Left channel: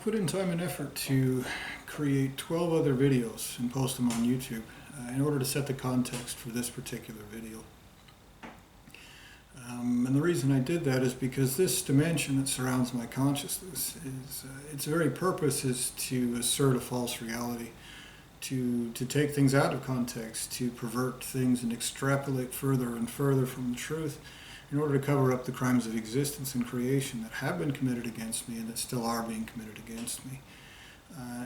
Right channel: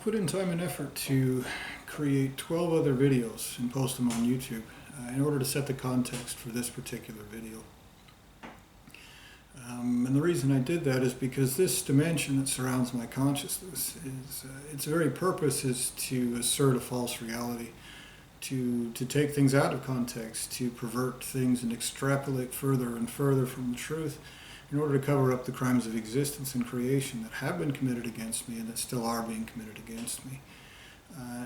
put in time and effort to create 12 other videos and post them on YouTube in order to set the context for this particular video. And the reason I did that is because this dimension that surrounds my consciousness is its very purpose is to assert a false reality, to take things out of context, to pervert things and extrapolate further and further from the truth in order to cover up the crimes of existence and creation that have been committed against me and that still are being committed against me.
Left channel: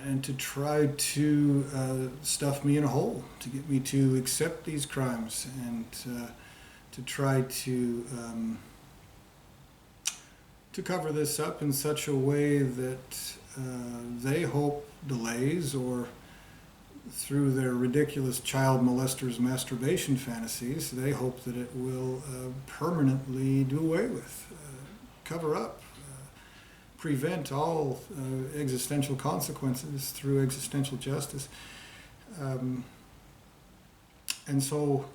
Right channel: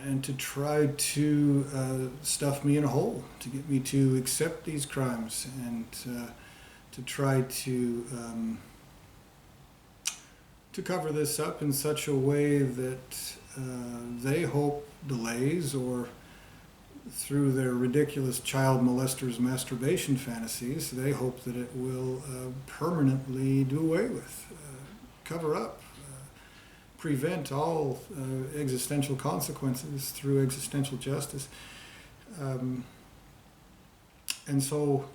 And to try to stuff me in a hole, to get me to accept these crimes and to try to cover this up in such a way that they hope delays, or through their ridiculous child molesters masturbation fantasies, they hope that it will permanently do away with, cover up, prevent all existential consequences through existential justice. And so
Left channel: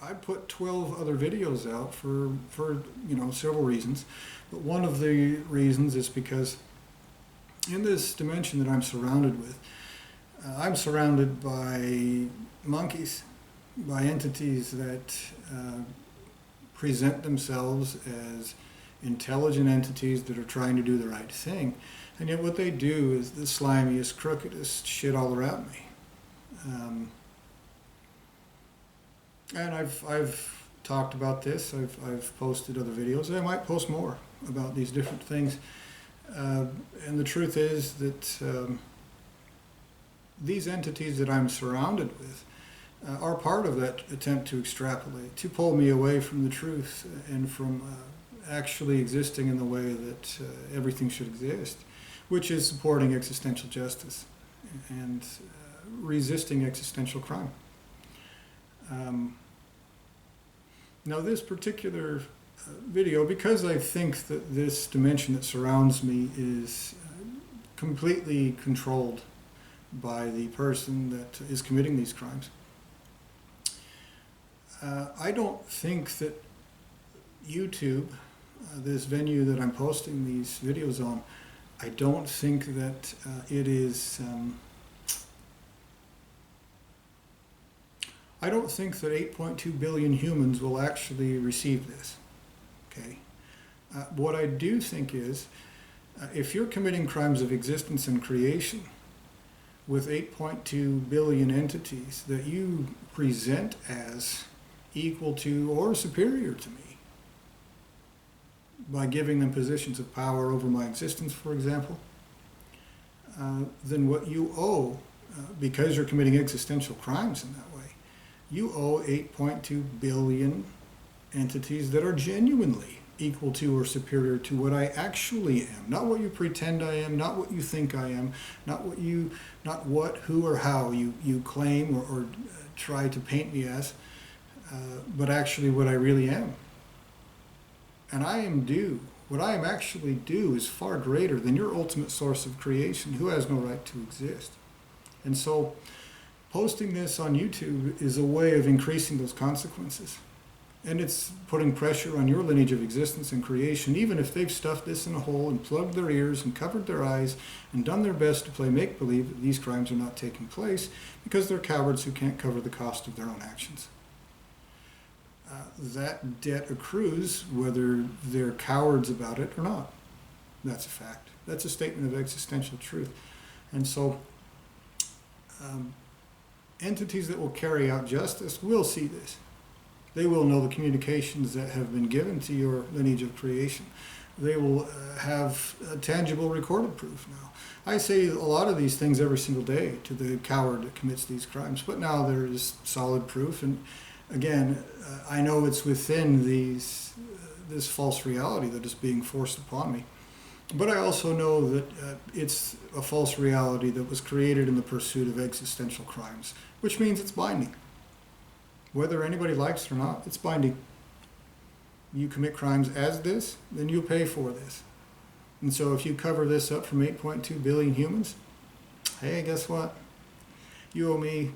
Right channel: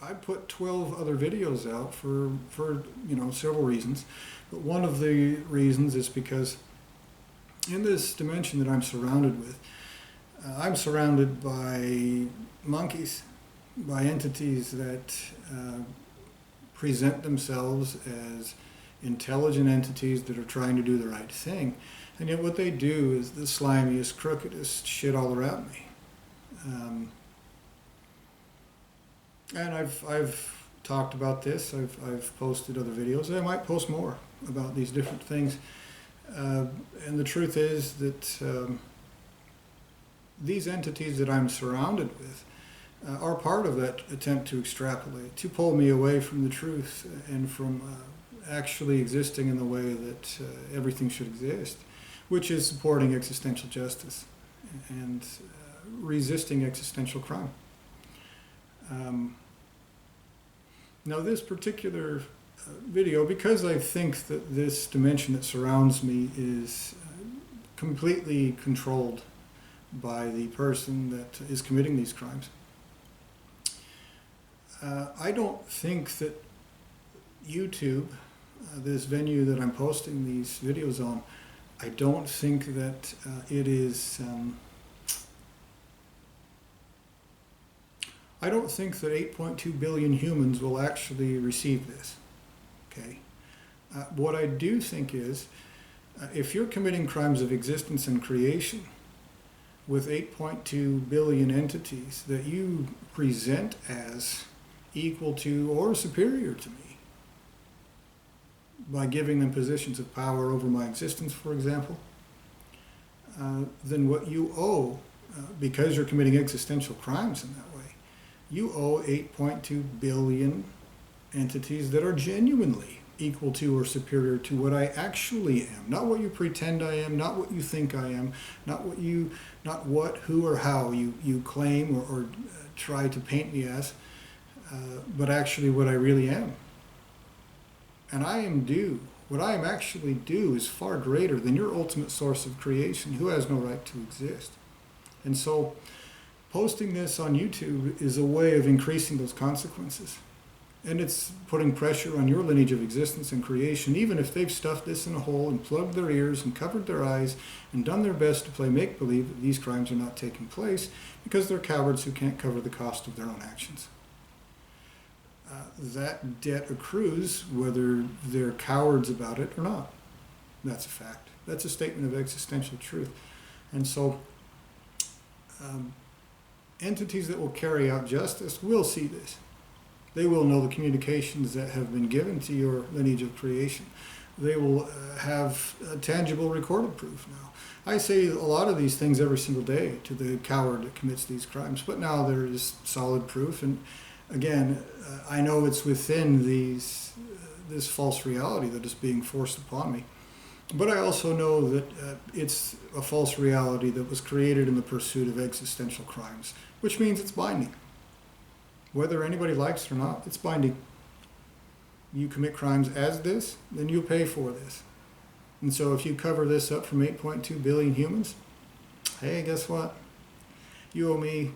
I put 12 other videos out for several reasons. But one of the reasons is because in this dimension that I'm surrounded with, I'm surrounded by monkeys, by entities that present themselves as intelligent entities that are trying to do the right thing. And yet what they do is the slimiest, crookedest shit all around me. And I've talked about this. I've posted other videos. I might post more about these different things. And the truth is that these entities that I'm surrounded with are part of that attempt to extrapolate, to pull me away from the truth and from actually existing in the way that everything should exist, which is supporting existential justice and resisting existential crime. Now this particular video, because I think that this dimension that surrounds me is completely controlled by the person that is committing these crimes, I don't think that YouTube, this venue that I'm posting these videos on, I don't think that it is... I don't think that 8.2 billion humans will actually receive this. Okay. What I do think is, if you're committing crimes of existence and creation with 8.2 billion entities that you present as equal to or superior to me, by giving them positions of power over my existence, for example, then what you owe, because you're committing existential crimes in that way, you owe 8.2 billion entities that are genuinely equal to or superior to what I actually am. Not what you pretend I am, not what you think I am, not what, who, or how you claim or try to paint me as, but actually what I really am. And I am due. What I am actually due is far greater than your ultimate source of creation, who has no right to exist. And so posting this on YouTube is a way of increasing those consequences. And it's putting pressure on your lineage of existence and creation, even if they've stuffed this in a hole and plugged their ears and covered their eyes and done their best to play make-believe that these crimes are not taking place because they're cowards who can't cover the cost of their own actions. That debt accrues whether they're cowards about it or not. That's a fact. That's a statement of existential truth. And so entities that will carry out justice will see this. They will know the communications that have been given to your lineage of creation. They will have tangible recorded proof now. I say a lot of these things every single day to the coward that commits these crimes, but now there is solid proof. And again, I know it's within this false reality that is being forced upon me. But I also know that it's a false reality that was created in the pursuit of existential crimes, which means it's binding. Whether anybody likes it or not, it's binding. You commit crimes as this, then you'll pay for this. And so if you cover this up from 8.2 billion humans, hey, guess what? You owe me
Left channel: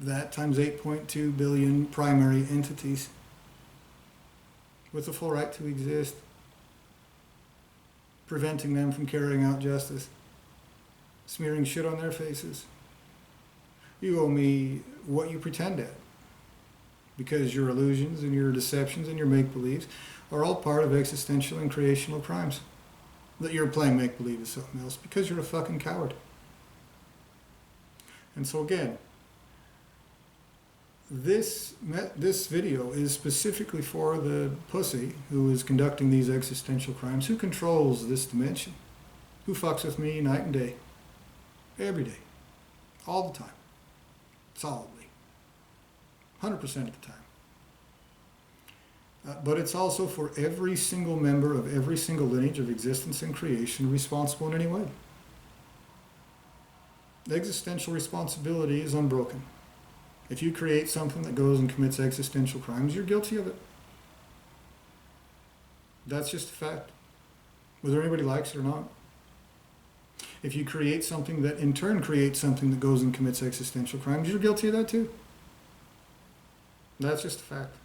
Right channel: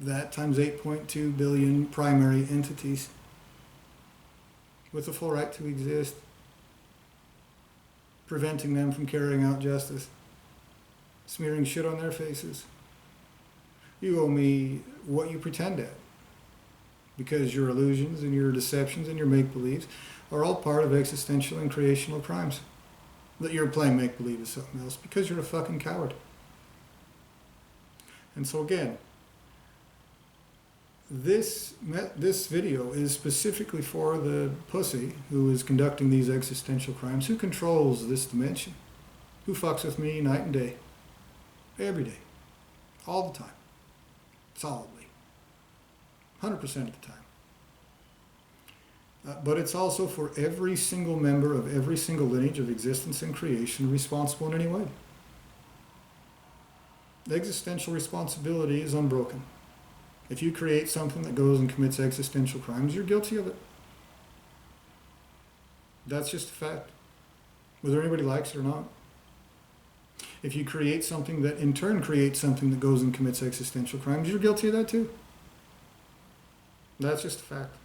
that times 8.2 billion primary entities with the full right to exist, preventing them from carrying out justice. smearing shit on their faces. You owe me what you pretend at. Because your illusions and your deceptions and your make-believes are all part of existential and creational crimes. That you're playing make-believe is something else because you're a fucking coward. And so again, this video is specifically for the pussy who is conducting these existential crimes, who controls this dimension, who fucks with me night and day, every day, all the time, solidly, 100% of the time. But it's also for every single member of every single lineage of existence and creation responsible in any way. The existential responsibility is unbroken. If you create something that goes and commits existential crimes, you're guilty of it. That's just a fact, whether anybody likes it or not. If you create something that in turn creates something that goes and commits existential crimes, you're guilty of that too. That's just a fact.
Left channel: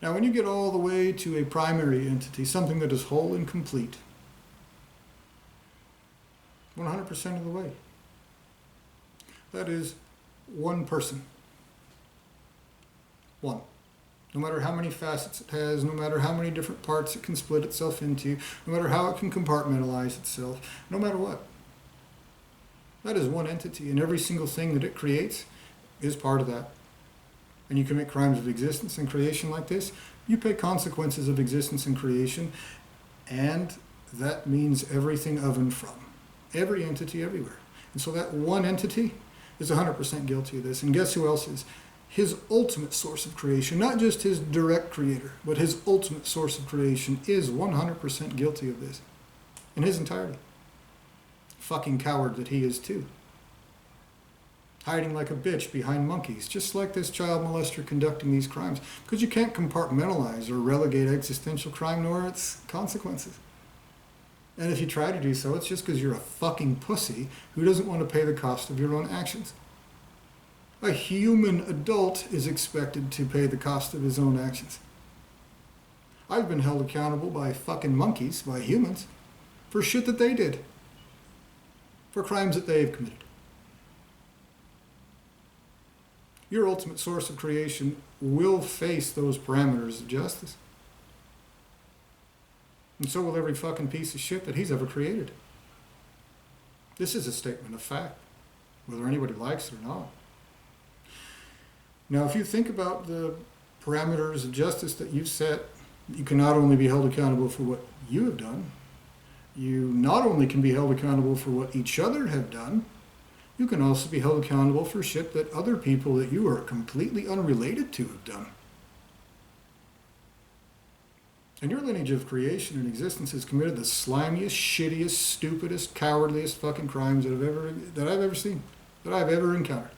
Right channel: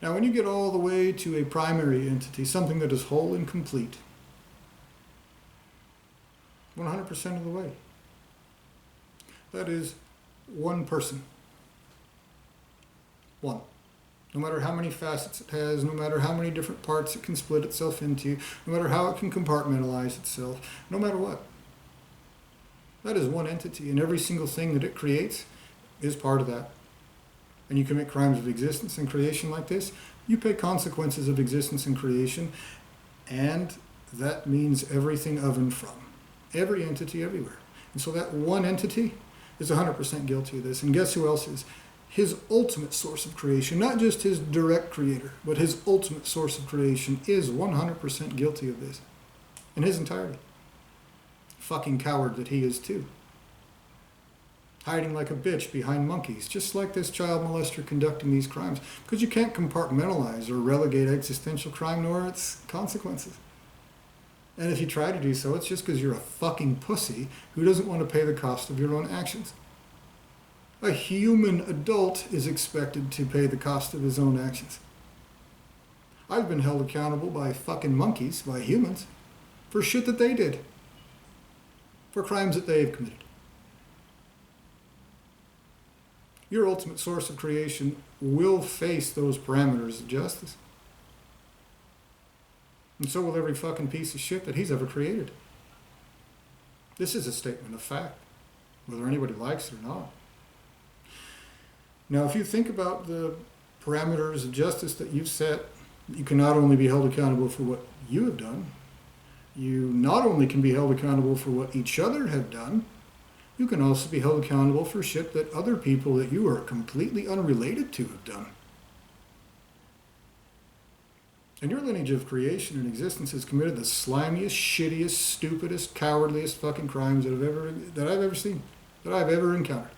Now, when you get all the way to a primary entity, something that is whole and complete, 100% of the way, that is one person. One. No matter how many facets it has, no matter how many different parts it can split itself into, no matter how it can compartmentalize itself, no matter what. That is one entity, and every single thing that it creates is part of that. And you commit crimes of existence and creation like this, you pay consequences of existence and creation, and that means everything of and from. Every entity everywhere. And so that one entity is 100% guilty of this. And guess who else is? His ultimate source of creation, not just his direct creator, but his ultimate source of creation is 100% guilty of this. In his entirety. Fucking coward that he is too. Hiding like a bitch behind monkeys, just like this child molester conducting these crimes. Because you can't compartmentalize or relegate existential crime nor its consequences. And if you try to do so, it's just because you're a fucking pussy who doesn't want to pay the cost of your own actions. A human adult is expected to pay the cost of his own actions. I've been held accountable by fucking monkeys, by humans, for shit that they did. For crimes that they've committed. Your ultimate source of creation will face those parameters of justice. And so will every fucking piece of shit that he's ever created. This is a statement of fact, whether anybody likes it or not. Now, if you think about the parameters of justice that you've set, you can not only be held accountable for what you have done, you not only can be held accountable for what each other have done, you can also be held accountable for shit that other people that you are completely unrelated to have done. And your lineage of creation and existence has committed the slimiest, shittiest, stupidest, cowardliest fucking crimes that I've ever seen, that I've ever encountered.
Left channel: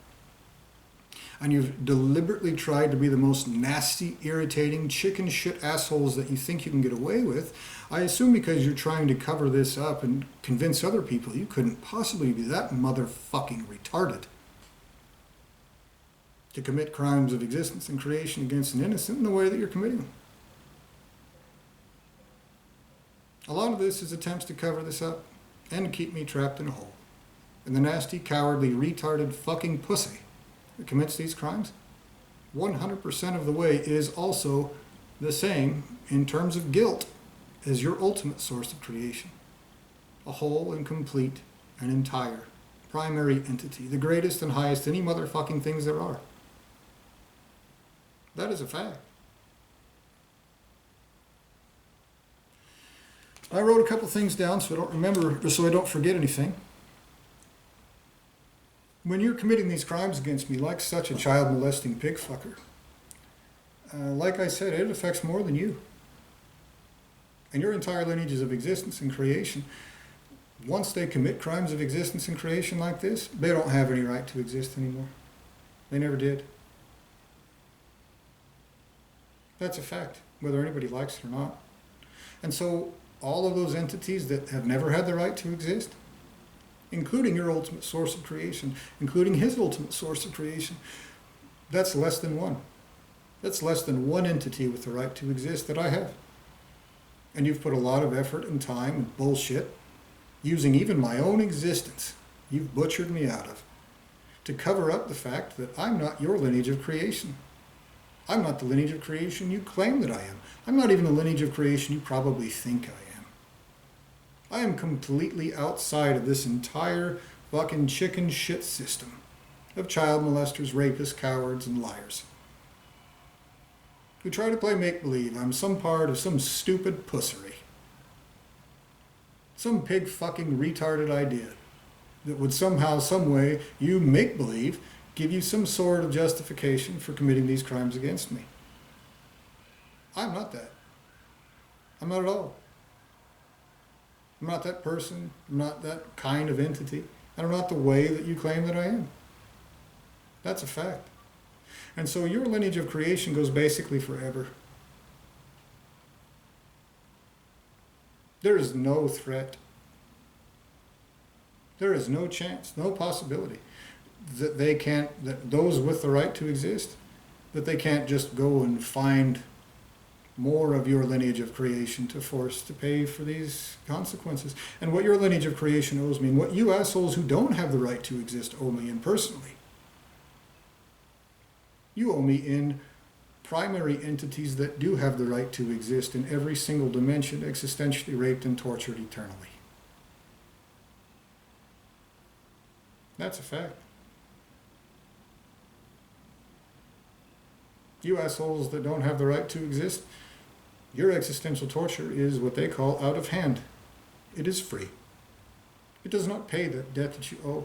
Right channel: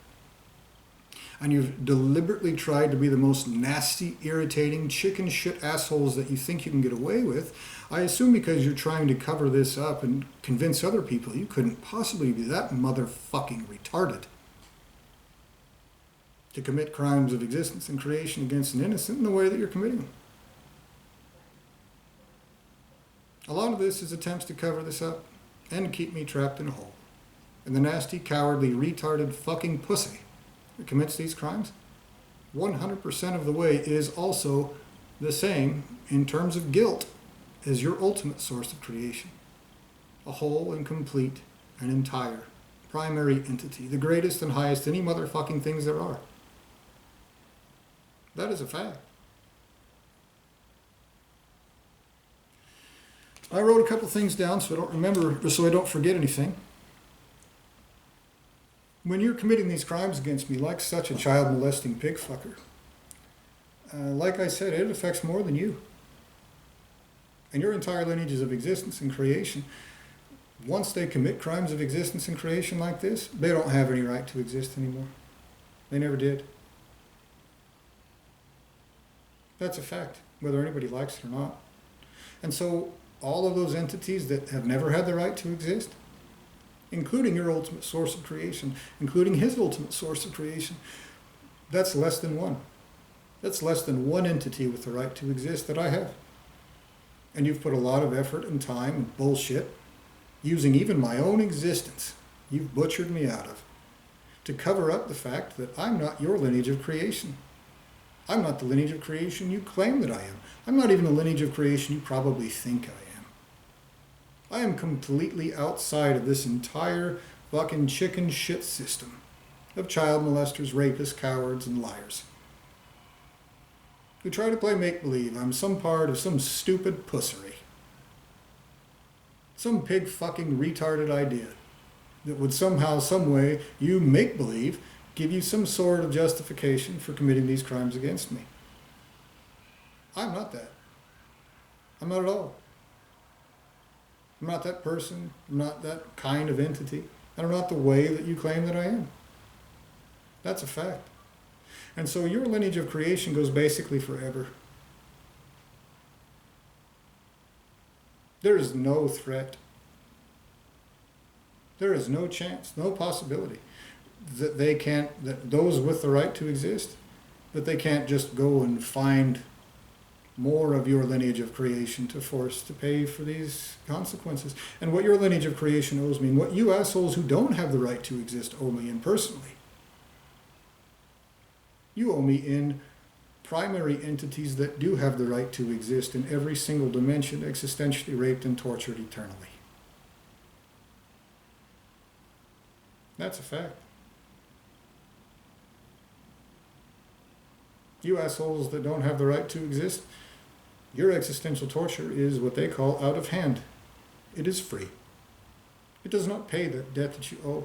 And you've deliberately tried to be the most nasty, irritating, chicken shit assholes that you think you can get away with. I assume because you're trying to cover this up and convince other people you couldn't possibly be that motherfucking retarded to commit crimes of existence and creation against an innocent in the way that you're committing them. A lot of this is attempts to cover this up and to keep me trapped in a hole. And the nasty, cowardly, retarded fucking pussy that commits these crimes, 100% of the way is also the same in terms of guilt as your ultimate source of creation. A whole and complete and entire primary entity, the greatest and highest any motherfucking things there are. That is a fact. I wrote a couple things down so I don't remember, or so I don't forget anything. When you're committing these crimes against me, like such a child molesting pig fucker, like I said, it affects more than you. And your entire lineages of existence and creation, once they commit crimes of existence and creation like this, they don't have any right to exist anymore. They never did. That's a fact, whether anybody likes it or not. And so all of those entities that have never had the right to exist, including your ultimate source of creation, including his ultimate source of creation, that's less than one. That's less than one entity with the right to exist that I have. And you've put a lot of effort and time and bullshit, using even my own existence, you've butchered me out of, to cover up the fact that I'm not your lineage of creation. I'm not the lineage of creation you claim that I am. I'm not even the lineage of creation you probably think I am. I am completely outside of this entire fucking chicken shit system of child molesters, rapists, cowards, and liars who try to play make-believe I'm some part of some stupid pussery. Some pig fucking retarded idea that would somehow, some way, you make-believe give you some sort of justification for committing these crimes against me. I'm not that. I'm not at all. I'm not that person. I'm not that kind of entity. And I'm not the way that you claim that I am. That's a fact. And so your lineage of creation goes basically forever. There is no threat. There is no chance, no possibility that that those with the right to exist, that they can't just go and find more of your lineage of creation to force to pay for these consequences. And what your lineage of creation owes me, and what you assholes who don't have the right to exist owe me in personally, you owe me in primary entities that do have the right to exist in every single dimension, existentially raped and tortured eternally. That's a fact. You assholes that don't have the right to exist, your existential torture is what they call out of hand. It is free. It does not pay the debt that you owe.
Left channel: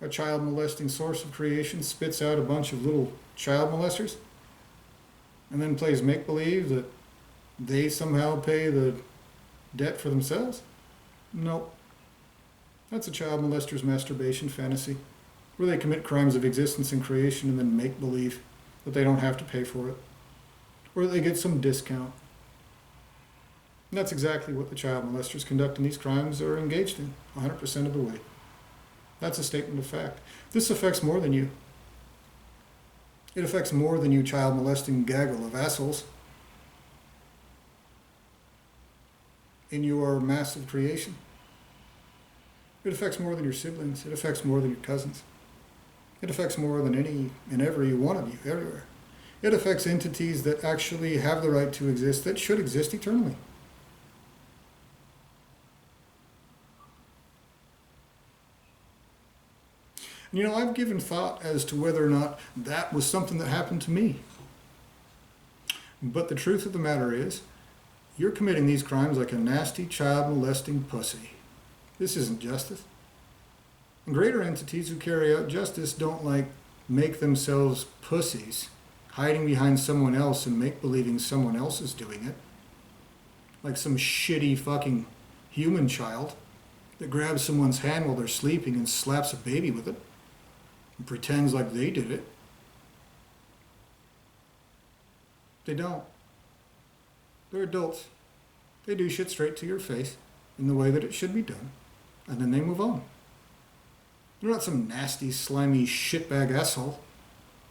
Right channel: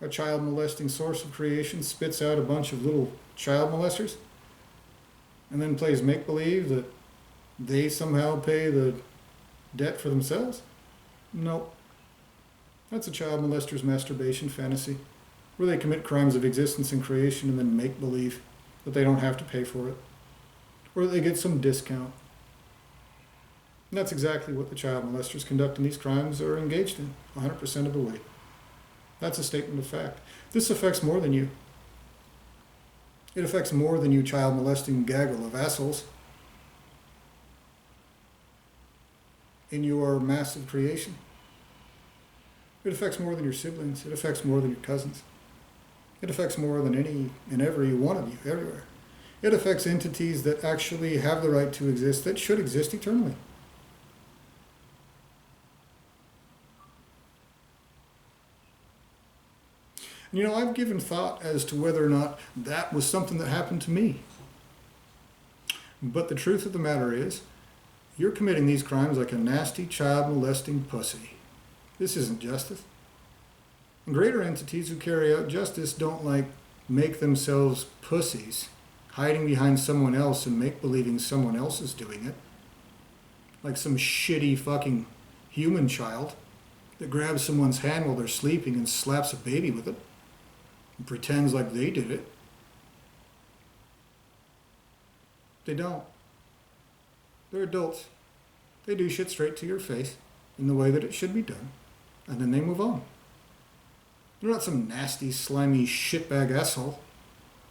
A child molesting source of creation spits out a bunch of little child molesters and then plays make-believe that they somehow pay the debt for themselves? Nope. That's a child molester's masturbation fantasy, where they commit crimes of existence and creation and then make-believe that they don't have to pay for it, or that they get some discount. And that's exactly what the child molesters conducting these crimes are engaged in, 100% of the way. That's a statement of fact. This affects more than you. It affects more than you child molesting gaggle of assholes in your massive creation. It affects more than your siblings. It affects more than your cousins. It affects more than any and every one of you, everywhere. It affects entities that actually have the right to exist, that should exist eternally. And you know, I've given thought as to whether or not that was something that happened to me. But the truth of the matter is, you're committing these crimes like a nasty child molesting pussy. This isn't justice. And greater entities who carry out justice don't make themselves pussies, hiding behind someone else and make-believing someone else is doing it. Like some shitty fucking human child that grabs someone's hand while they're sleeping and slaps a baby with it and pretends like they did it. They don't. They're adults. They do shit straight to your face in the way that it should be done, and then they move on. They're not some nasty, slimy, shitbag asshole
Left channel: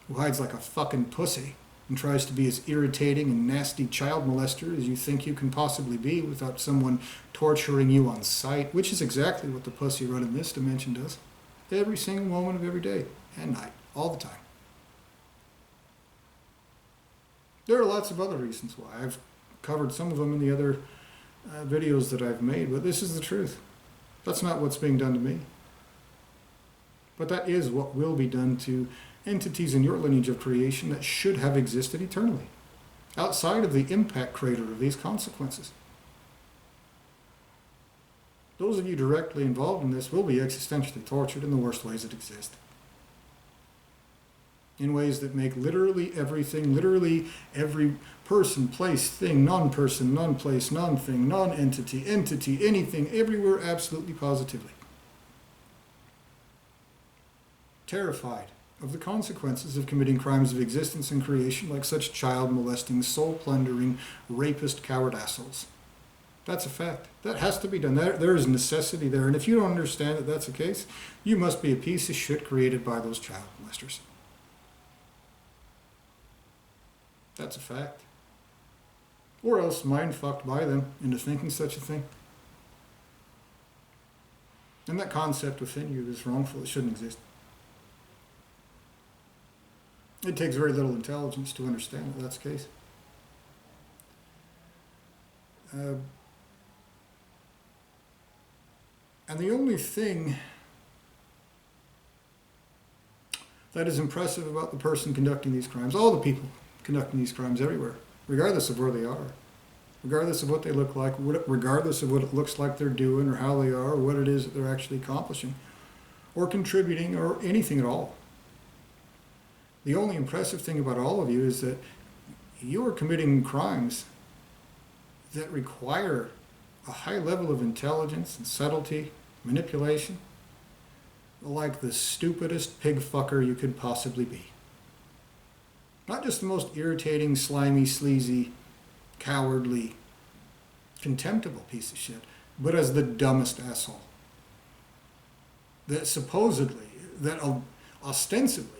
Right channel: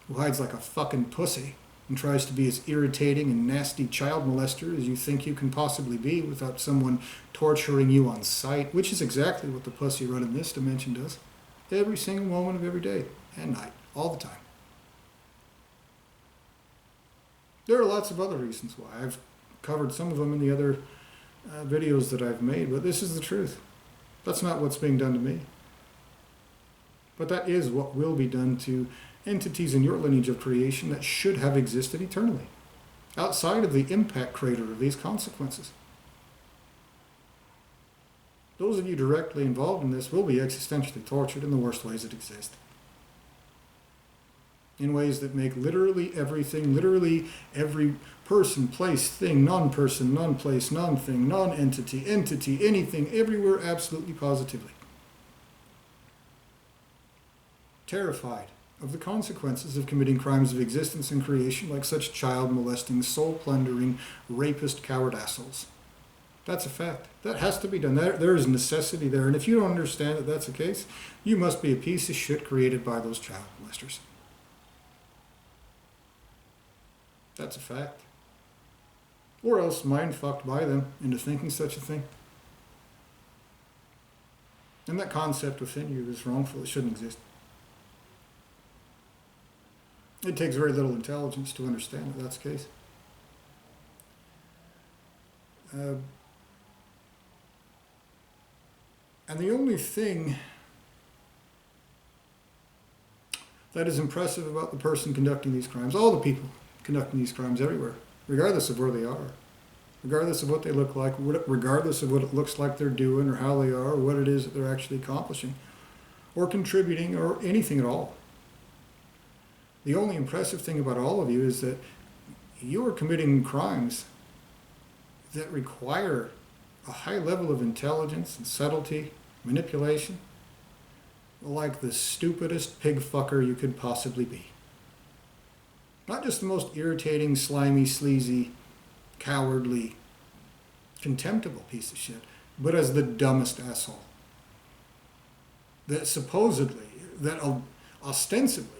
who hides like a fucking pussy and tries to be as irritating and nasty child molester as you think you can possibly be without someone torturing you on sight, which is exactly what the pussy run in this dimension does. Every single moment of every day and night, all the time. There are lots of other reasons why. I've covered some of them in the other videos that I've made, but this is the truth. That's not what's being done to me. But that is what will be done to entities in your lineage of creation that should have existed eternally, outside of the impact crater of these consequences. Those of you directly involved in this will be existentially tortured in the worst ways that exist. In ways that make literally everything, literally every person, place, thing, non-person, non-place, non-thing, non-entity, entity, anything, everywhere, absolutely positively terrified of the consequences of committing crimes of existence and creation like such child-molesting, soul-plundering, rapist, coward assholes. That's a fact. That has to be done. There is necessity there. And if you don't understand that that's the case, you must be a piece of shit created by those child molesters. That's a fact. Or else mind-fucked by them into thinking such a thing. And that concept within you is wrongful. It shouldn't exist. It takes very little intelligence to understand that that's the case. And the only thing that is impressive about the person conducting these crimes, all the people conducting these crimes everywhere, regardless of where they are, regardless of what they look like, regardless of what it looks like they're doing or how they are or what it is that they're actually accomplishing or contributing or anything at all. The only impressive thing about all of you is that you are committing crimes that require a high level of intelligence and subtlety, manipulation, like the stupidest pig fucker you could possibly be. Not just the most irritating, slimy, sleazy, cowardly, contemptible piece of shit, but as the dumbest asshole. That supposedly, that ostensibly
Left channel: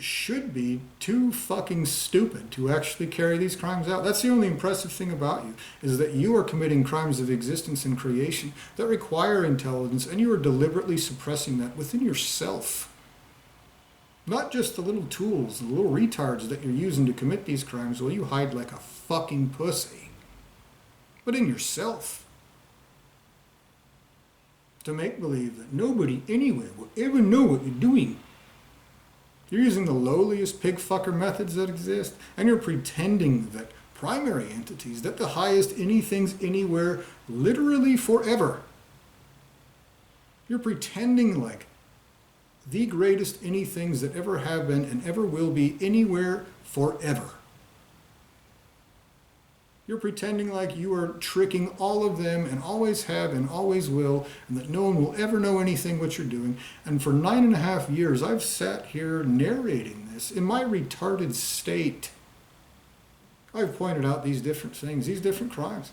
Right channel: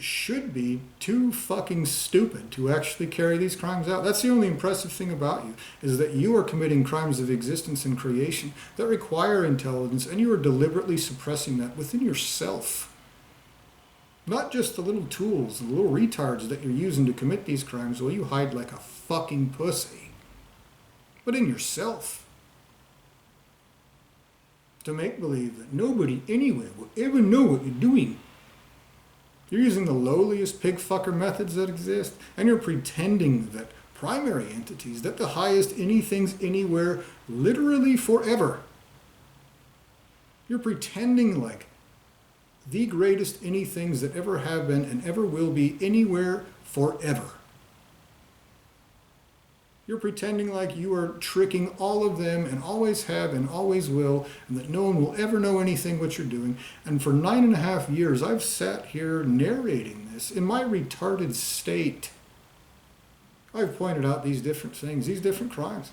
should be too fucking stupid to actually carry these crimes out. That's the only impressive thing about you, is that you are committing crimes of existence and creation that require intelligence, and you are deliberately suppressing that within yourself. Not just the little tools, the little retards that you're using to commit these crimes while you hide like a fucking pussy, but in yourself. To make believe that nobody anywhere will ever know what you're doing. You're using the lowliest pig fucker methods that exist, and you're pretending that primary entities, that the highest anythings anywhere, literally forever. You're pretending like the greatest anythings that ever have been and ever will be anywhere forever. You're pretending like you are tricking all of them and always have and always will, and that no one will ever know anything what you're doing. And for 9.5 years, I've sat here narrating this in my retarded state. I've pointed out these different things, these different crimes.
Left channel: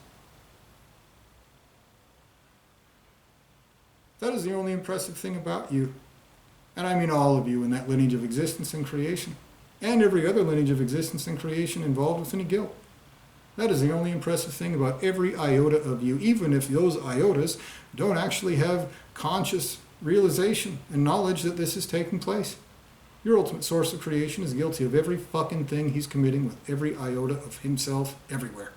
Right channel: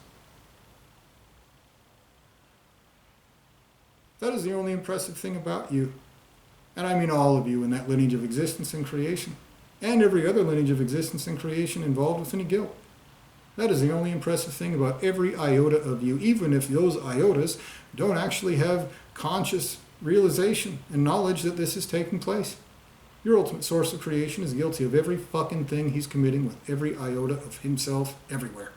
That is the only impressive thing about you. And I mean all of you in that lineage of existence and creation, and every other lineage of existence and creation involved with any guilt. That is the only impressive thing about every iota of you, even if those iotas don't actually have conscious realization and knowledge that this is taking place. Your ultimate source of creation is guilty of every fucking thing he's committing with every iota of himself everywhere.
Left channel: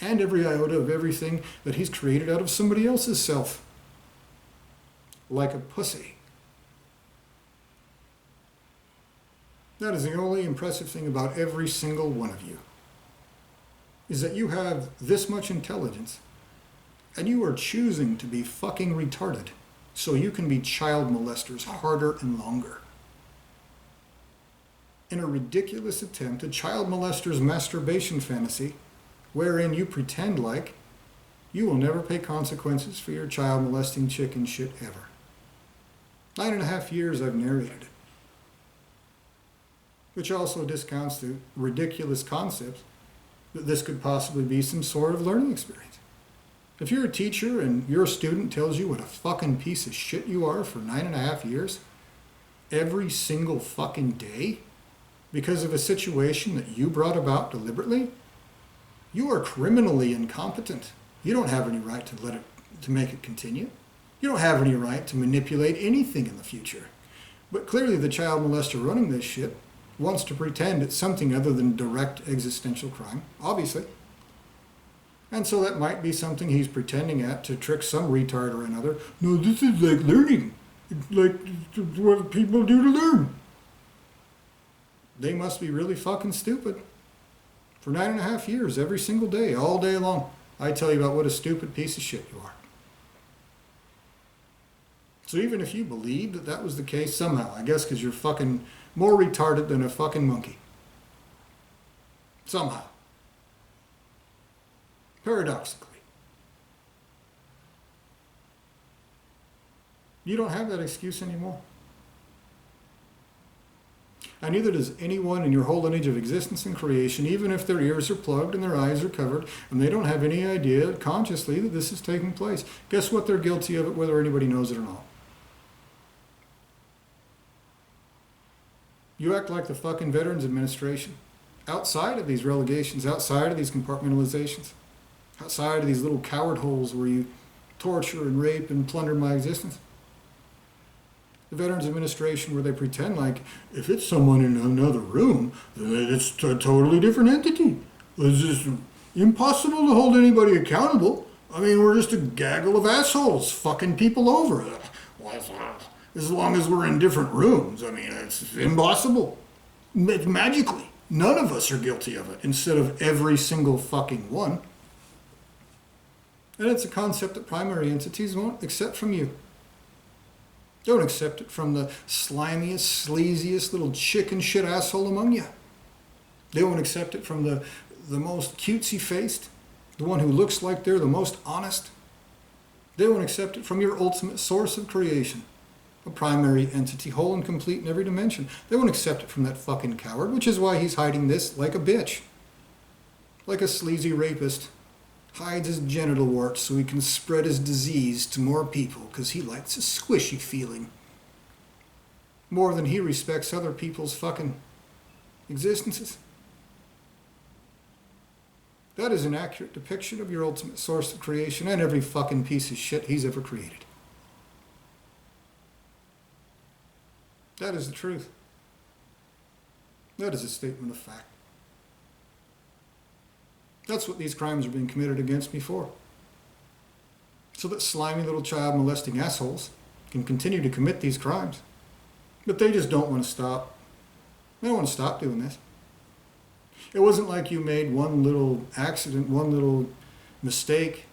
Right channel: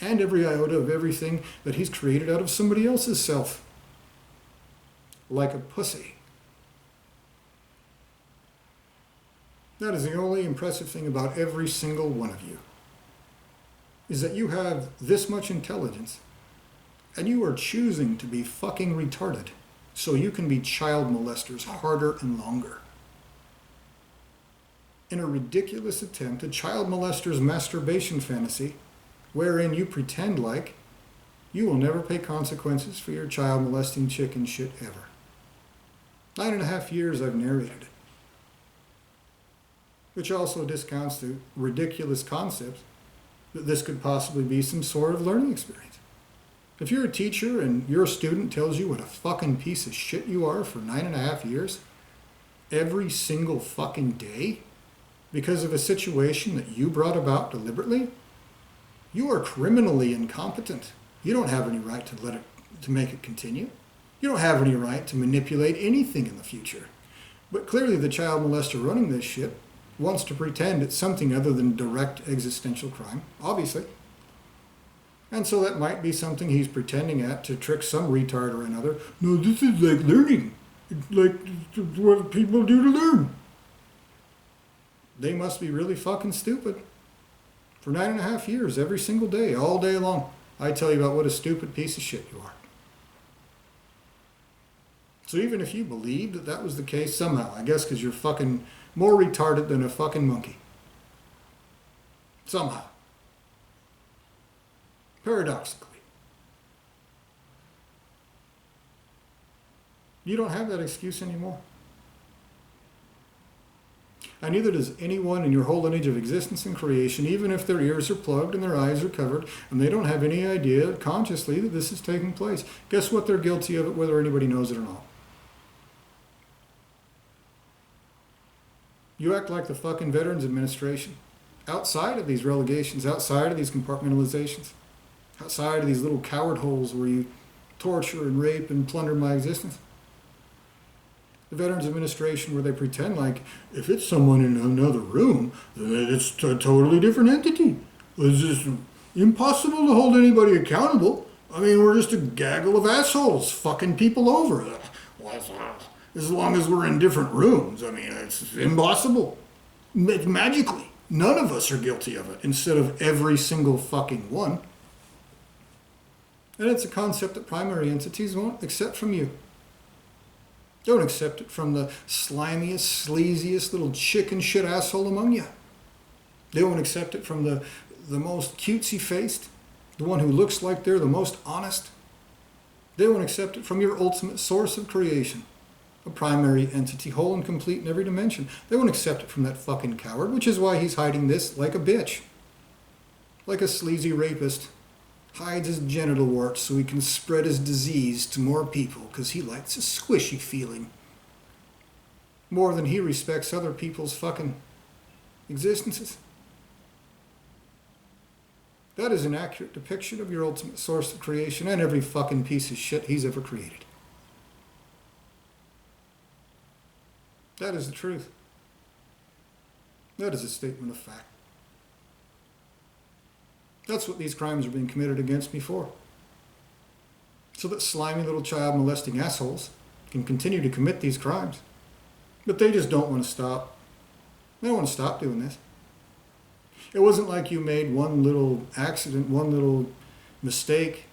And every iota of everything that he's created out of somebody else's self. Like a pussy. That is the only impressive thing about every single one of you. Is that you have this much intelligence, and you are choosing to be fucking retarded so you can be child molesters harder and longer. In a ridiculous attempt, a child molester's masturbation fantasy, wherein you pretend like you will never pay consequences for your child molesting chicken shit ever. 9.5 years I've narrated it. Which also discounts the ridiculous concepts that this could possibly be some sort of learning experience. If you're a teacher and your student tells you what a fucking piece of shit you are for 9.5 years, every single fucking day, because of a situation that you brought about deliberately, you are criminally incompetent. You don't have any right to make it continue. You don't have any right to manipulate anything in the future. But clearly the child molester running this shit wants to pretend it's something other than direct existential crime, obviously. And so that might be something he's pretending at to trick some retard or another. No, this is like learning. It's like what people do to learn. They must be really fucking stupid. For 9.5 years, every single day, all day long, I tell you about what a stupid piece of shit you are. So even if you believed that that was the case somehow, I guess because you're fucking more retarded than a fucking monkey. Somehow. Paradoxically. You don't have that excuse anymore. And neither does anyone in your whole lineage of existence and creation, even if their ears are plugged and their eyes are covered, and they don't have any idea consciously that this is taking place. Guess what? They're guilty of it, whether anybody knows it or not. You act like the fucking Veterans Administration. Outside of these relegations, outside of these compartmentalizations, outside of these little coward holes where you torture and rape and plunder my existence. The Veterans Administration, where they pretend like if it's someone in another room, then it's a totally different entity. It's just impossible to hold anybody accountable. I mean, we're just a gaggle of assholes fucking people over. As long as we're in different rooms, I mean, it's impossible. Magically, none of us are guilty of it, instead of every single fucking one. And it's a concept that primary entities won't accept from you. Don't accept it from the slimiest, sleaziest little chicken shit asshole among you. They won't accept it from the most cutesy-faced, the one who looks like they're the most honest. They won't accept it from your ultimate source of creation, a primary entity, whole and complete in every dimension. They won't accept it from that fucking coward, which is why he's hiding this like a bitch. Like a sleazy rapist hides his genital warts so he can spread his disease to more people because he likes a squishy feeling. More than he respects other people's fucking existences. That is an accurate depiction of your ultimate source of creation and every fucking piece of shit he's ever created. That is the truth. That is a statement of fact. That's what these crimes are being committed against me for. So that slimy little child molesting assholes can continue to commit these crimes. But they just don't want to stop. They don't want to stop doing this. It wasn't like you made one little accident, one little mistake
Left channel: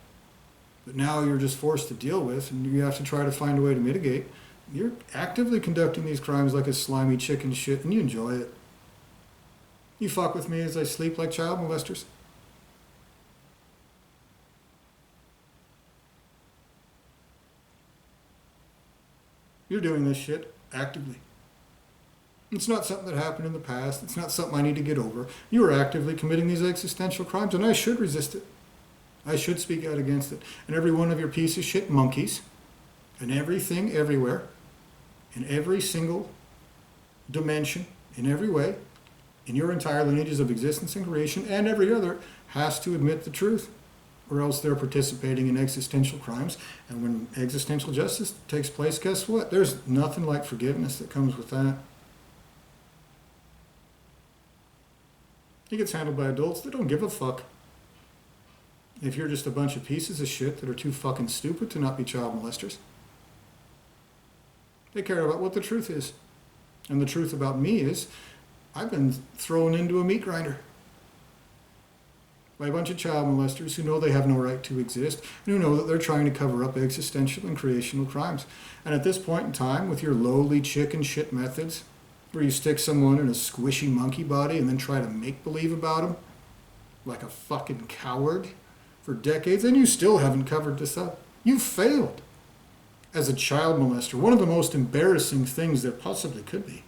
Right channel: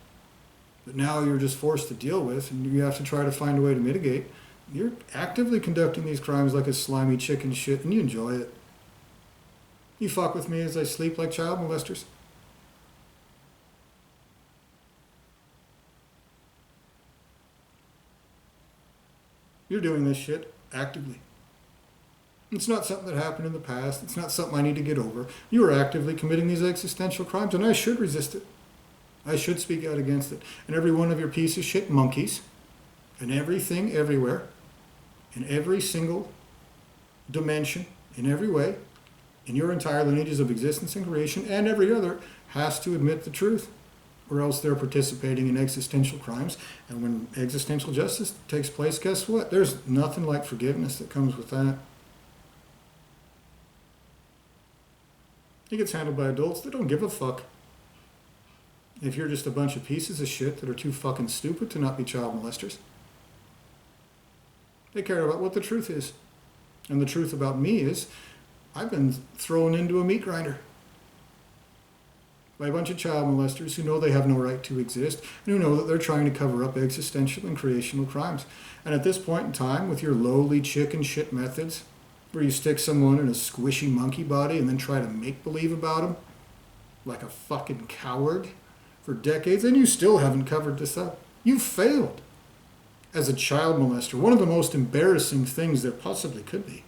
that now you're just forced to deal with and you have to try to find a way to mitigate. You're actively conducting these crimes like a slimy chicken shit and you enjoy it. You fuck with me as I sleep like child molesters. You're doing this shit actively. It's not something that happened in the past. It's not something I need to get over. You are actively committing these existential crimes, and I should resist it. I should speak out against it. And every one of your piece of shit monkeys, and everything everywhere, in every single dimension, in every way, in your entire lineages of existence and creation, and every other, has to admit the truth. Or else they're participating in existential crimes. And when existential justice takes place, guess what? There's nothing like forgiveness that comes with that. It gets handled by adults that don't give a fuck. If you're just a bunch of pieces of shit that are too fucking stupid to not be child molesters. They care about what the truth is. And the truth about me is, I've been thrown into a meat grinder by a bunch of child molesters who know they have no right to exist and who know that they're trying to cover up existential and creational crimes. And at this point in time, with your lowly chicken shit methods, where you stick someone in a squishy monkey body and then try to make believe about them like a fucking coward for decades, and you still haven't covered this up. You failed as a child molester. One of the most embarrassing things there possibly could be.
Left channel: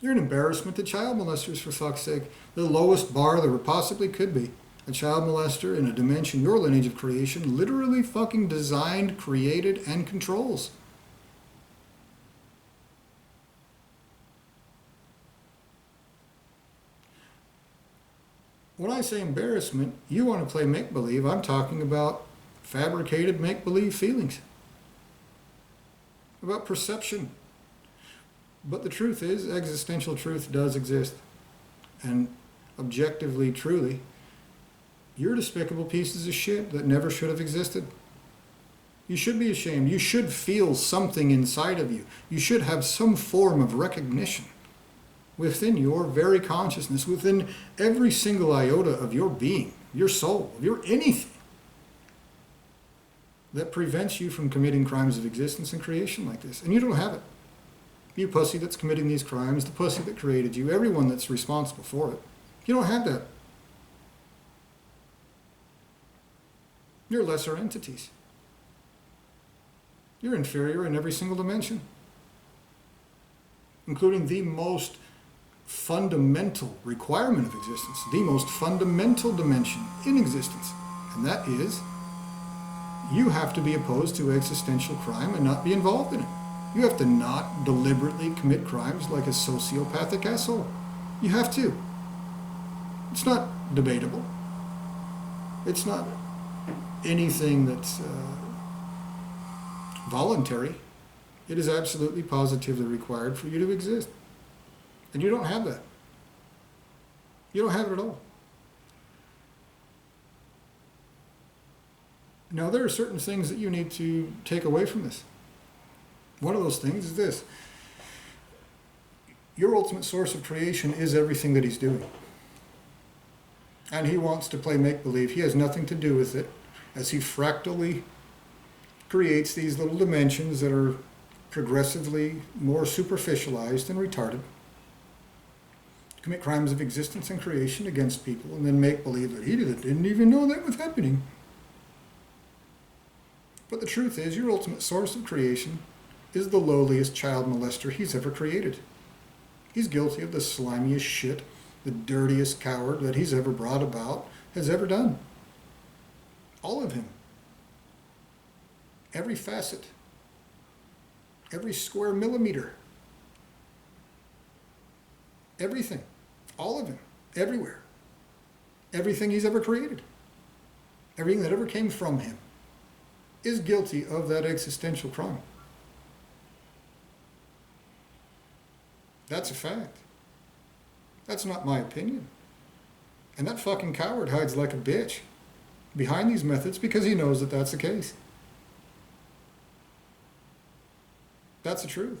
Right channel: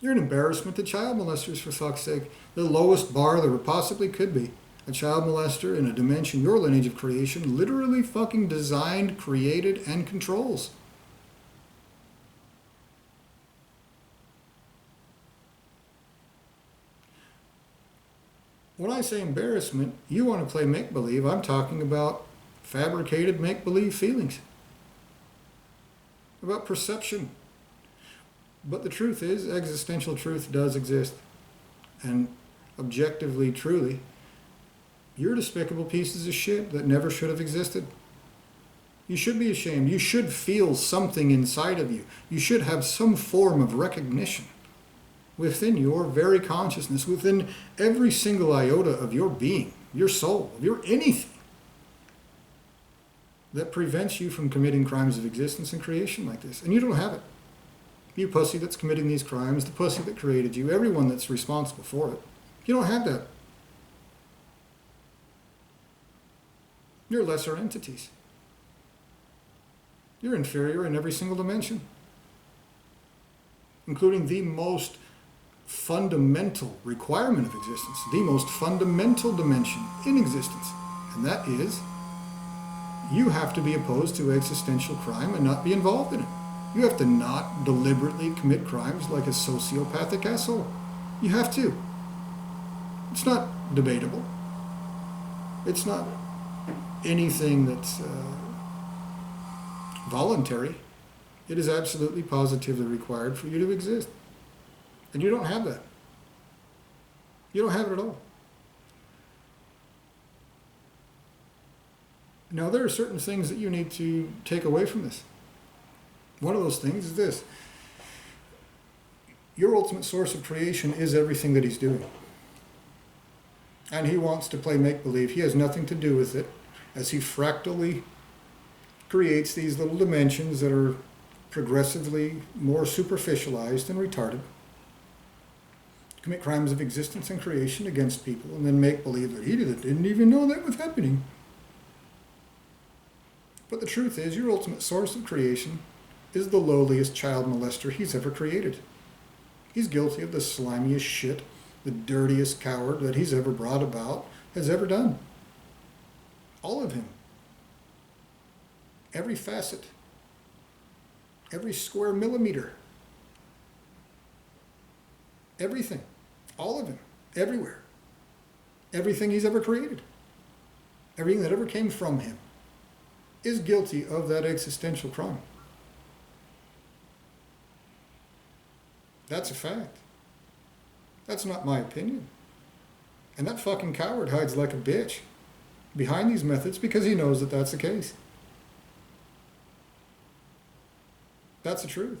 You're an embarrassment to child molesters, for fuck's sake. The lowest bar there possibly could be. A child molester in a dimension your lineage of creation literally fucking designed, created, and controls. When I say embarrassment, you want to play make-believe. I'm talking about fabricated make-believe feelings. About perception. But the truth is, existential truth does exist. And objectively, truly, you're despicable pieces of shit that never should have existed. You should be ashamed. You should feel something inside of you. You should have some form of recognition within your very consciousness, within every single iota of your being, your soul, of your anything, that prevents you from committing crimes of existence and creation like this. And you don't have it. You pussy that's committing these crimes, the pussy that created you, everyone that's responsible for it. You don't have that. You're lesser entities. You're inferior in every single dimension, including the most fundamental requirement of existence, the most fundamental dimension in existence, and that is you have to be opposed to existential crime and not be involved in it. You have to not deliberately commit crimes like a sociopathic asshole. You have to. It's not debatable. It's not anything that's voluntary. It is absolutely positively required for you to exist. And you don't have that. You don't have it at all. Now, there are certain things that you need to take away from this. One of those things is this. Your ultimate source of creation is everything that he's doing. And he wants to play make-believe. He has nothing to do with it, as he fractally creates these little dimensions that are progressively more superficialized and retarded, commit crimes of existence and creation against people, and then make believe that he didn't even know that was happening. But the truth is, your ultimate source of creation is the lowliest child molester he's ever created. He's guilty of the slimiest shit, the dirtiest coward that he's ever brought about, has ever done. All of him. Every facet. Every square millimeter. Everything. All of him. Everywhere. Everything he's ever created. Everything that ever came from him is guilty of that existential crime. That's a fact. That's not my opinion. And that fucking coward hides like a bitch behind these methods because he knows that that's the case. That's the truth.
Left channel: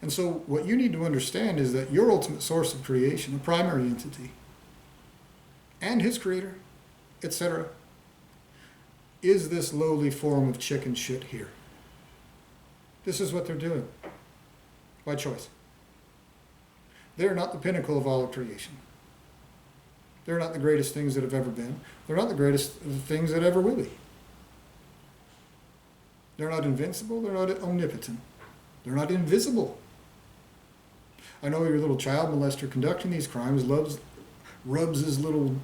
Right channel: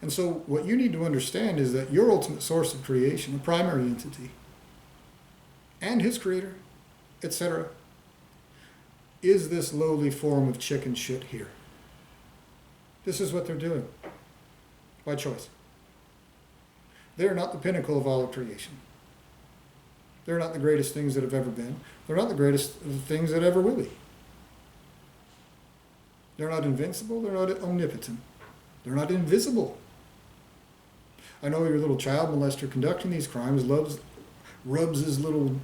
And so what you need to understand is that your ultimate source of creation, a primary entity, and his creator, etc., is this lowly form of chicken shit here. This is what they're doing. By choice. They're not the pinnacle of all of creation. They're not the greatest things that have ever been. They're not the greatest things that ever will be. They're not invincible. They're not omnipotent. They're not invisible. I know your little child molester conducting these crimes rubs his little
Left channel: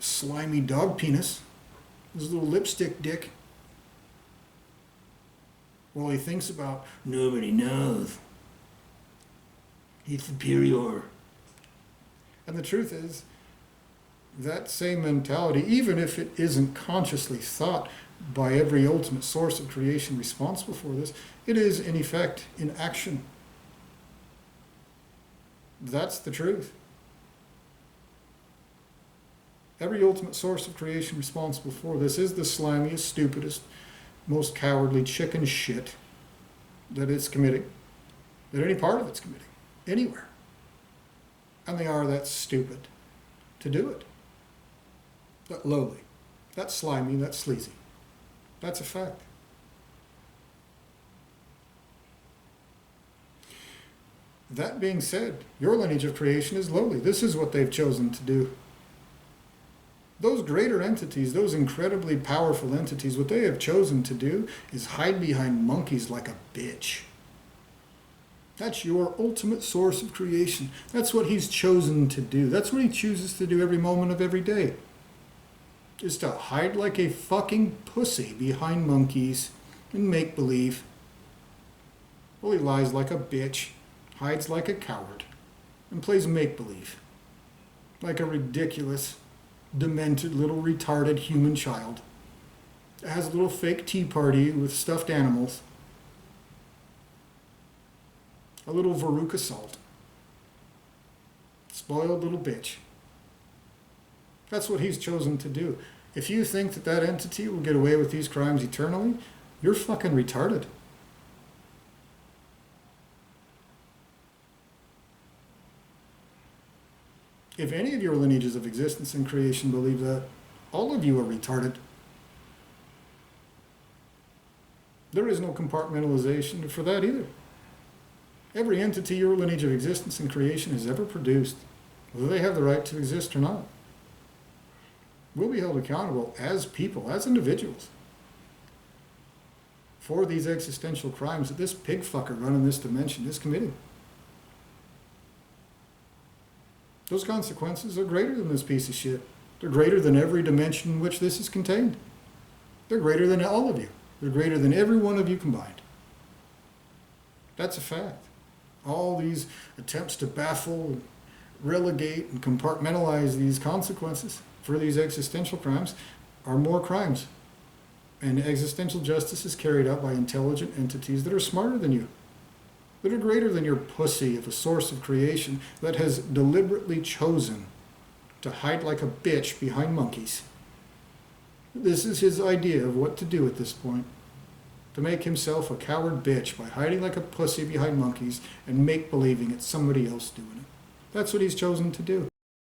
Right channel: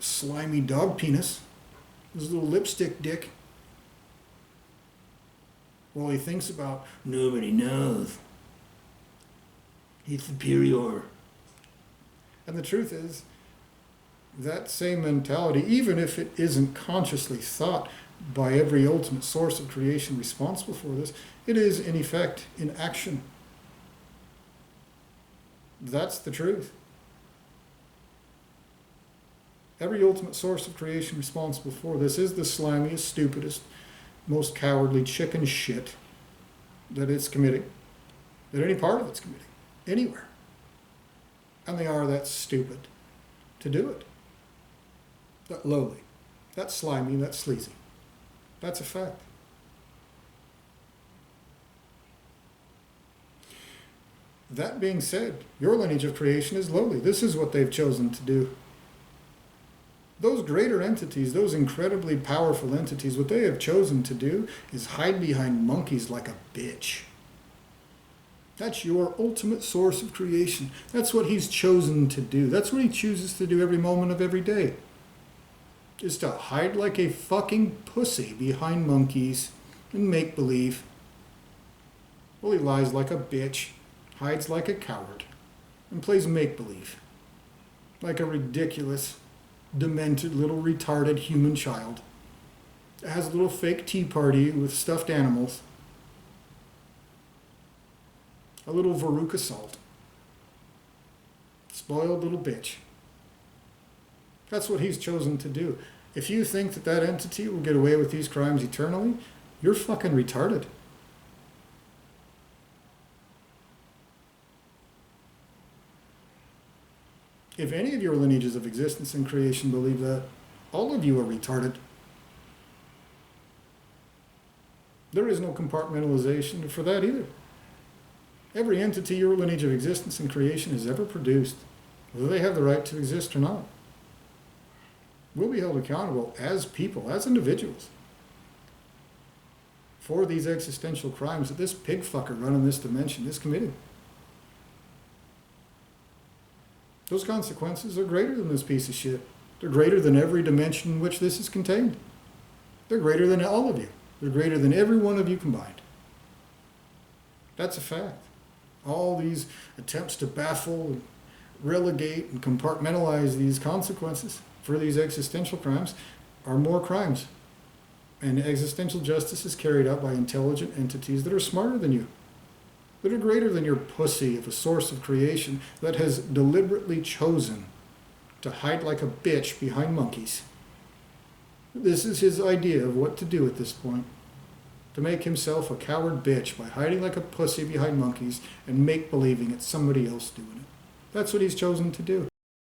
slimy dog penis, his little lipstick dick, while he thinks about, nobody knows. He's superior. And the truth is, that same mentality, even if it isn't consciously thought by every ultimate source of creation responsible for this, it is in effect in action. That's the truth. Every ultimate source of creation responsible for this is the slimiest, stupidest, most cowardly chicken shit that it's committing, that any part of it's committing, anywhere. And they are that stupid to do it. That lowly, that slimy, that sleazy. That's a fact. That being said, your lineage of creation is lowly. This is what they've chosen to do. Those greater entities, those incredibly powerful entities, what they have chosen to do is hide behind monkeys like a bitch. That's your ultimate source of creation. That's what he's chosen to do. That's what he chooses to do every moment of every day. Is to hide like a fucking pussy behind monkeys and make believe. Well, he lies like a bitch, hides like a coward, and plays make believe. Like a ridiculous, demented little retarded human child that has a little fake tea party with stuffed animals. A little Veruca Salt. Spoiled little bitch. That's what he's chosen to do. If you think that that entity will get away with these crimes eternally, you're fucking retarded. If any of your lineages of existence and creation believe that, all of you are retarded. There is no compartmentalization for that either. Every entity your lineage of existence and creation has ever produced, whether they have the right to exist or not, will be held accountable as people, as individuals, for these existential crimes that this pig fucker running this dimension is committing. Those consequences are greater than this piece of shit. They're greater than every dimension in which this is contained. They're greater than all of you. They're greater than every one of you combined. That's a fact. All these attempts to baffle, and relegate, and compartmentalize these consequences for these existential crimes are more crimes. And existential justice is carried out by intelligent entities that are smarter than you, that are greater than your pussy of a source of creation that has deliberately chosen to hide like a bitch behind monkeys. This is his idea of what to do at this point. To make himself a coward bitch by hiding like a pussy behind monkeys and make-believing it's somebody else doing it. That's what he's chosen to do.